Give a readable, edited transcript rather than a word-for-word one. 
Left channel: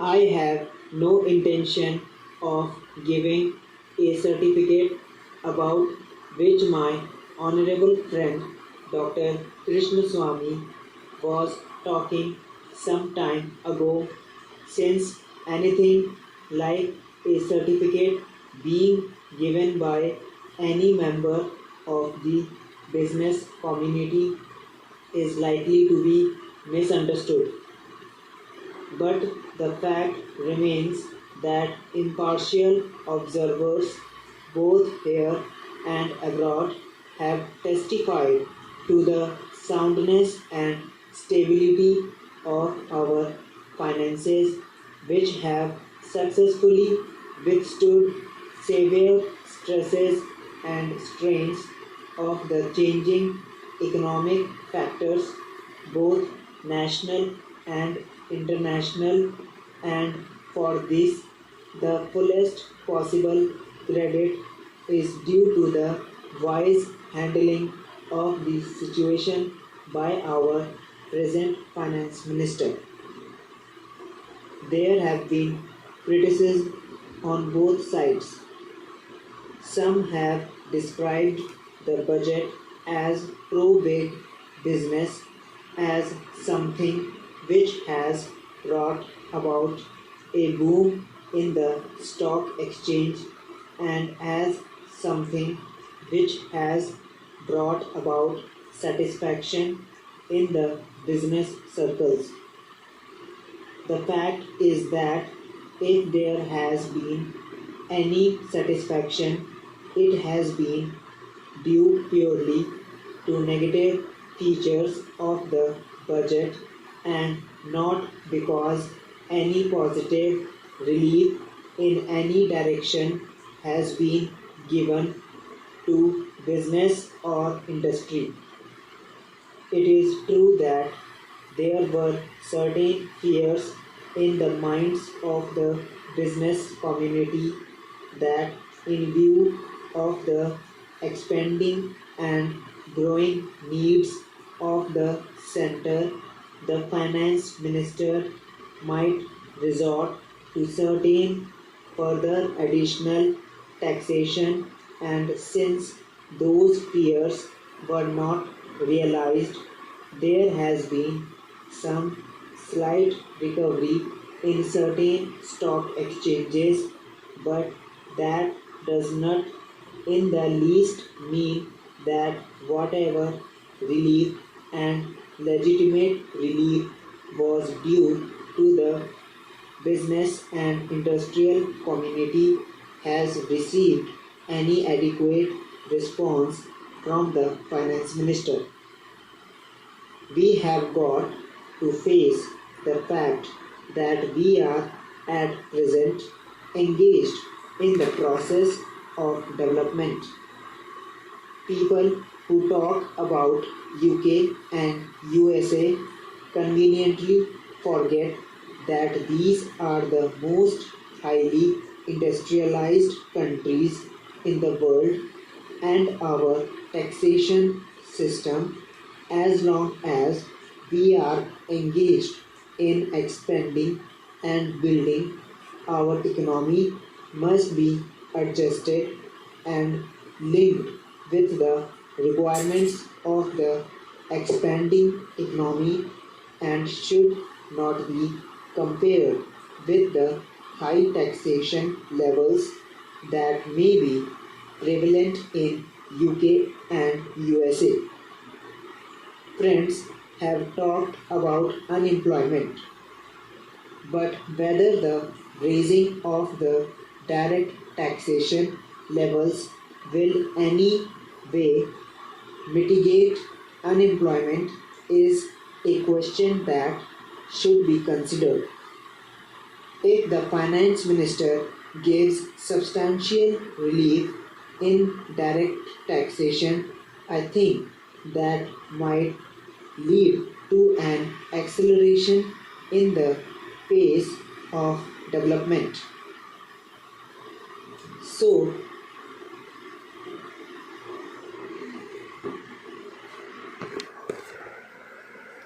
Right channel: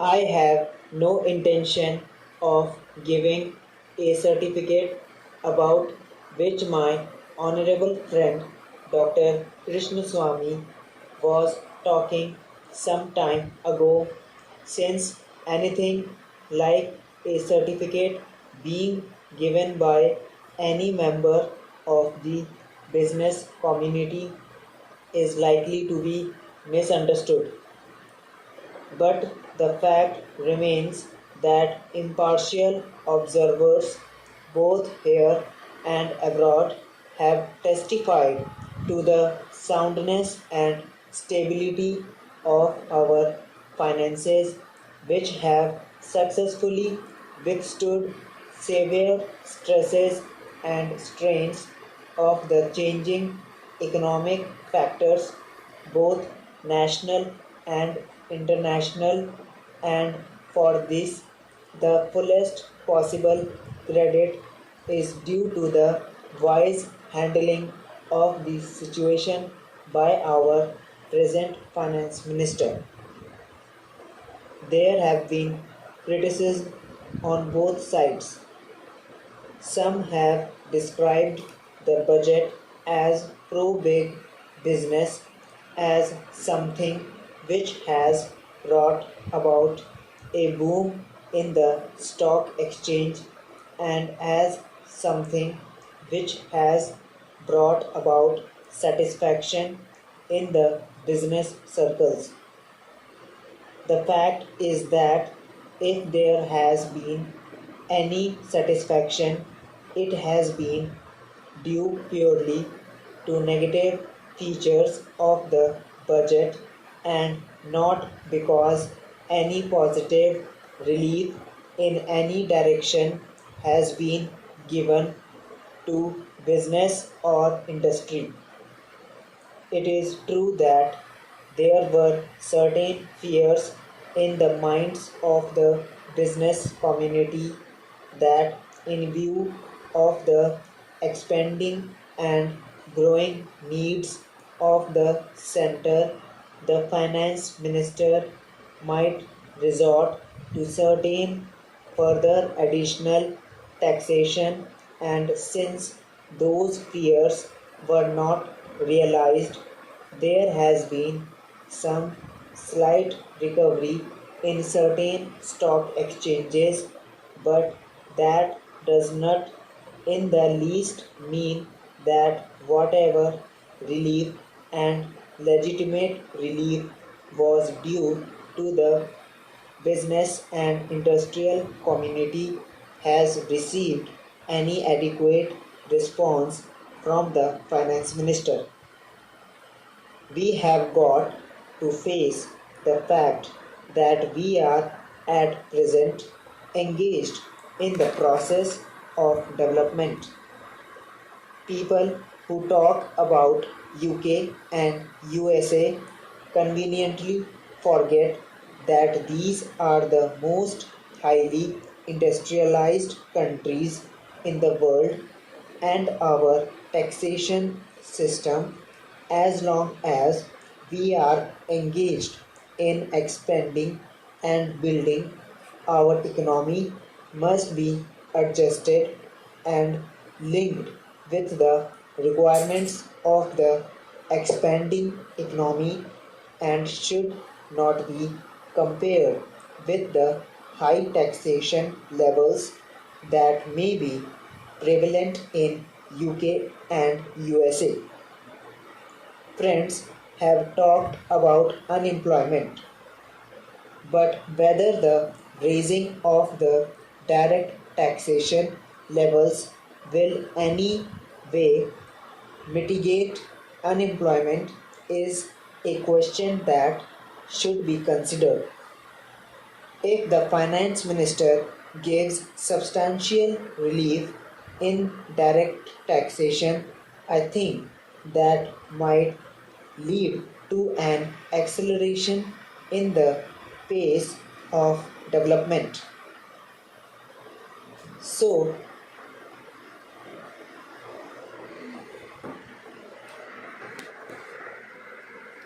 I have no intention of giving a certificate about which my honorable friend Dr. Krishnaswamy was talking some time ago, since anything like a certificate being given by any member of the business community is likely to be misunderstood. But the fact remains that impartial observers, both here and abroad, have testified to the soundness and stability of our finances, which have successfully withstood severe stresses and strains of the changing economic factors, both national and international, and for this the fullest possible credit is due to the wise handling of the situation by our present finance minister. There have been criticisms on both sides. Some have described the budget as pro big business, as something which has brought about a boom in the stock exchange, and as something which has brought about satisfaction in the business circles. The fact is that if there has been any satisfaction, it has been due purely to negative features of the budget, and not because any positive relief in any direction has been given to business or industry. It is true that there were certain fears in the minds of the business community that, in view of the expanding and growing needs of the center, the finance minister might resort to certain further additional taxation, and since those fears were not realized, there has been some slight recovery in certain stock exchanges, but that does not in the least mean that whatever relief and legitimate relief was due to the business and industrial community has received any adequate response from the finance minister. We have got to face the fact that we are at present engaged in the process of development. People who talk about UK and USA conveniently forget that these are the most highly industrialized countries in the world, and our taxation system, as long as we are engaged in expanding and building our economy, must be adjusted and linked with the requirements of the expanding economy, and should not be compared with the high taxation levels that may be prevalent in UK and USA. Friends have talked about unemployment, but whether the raising of the direct taxation levels will any way mitigate unemployment is a question that should be considered. If the finance minister gives substantial relief in direct taxation, I think that might lead to an acceleration in the pace of development. So,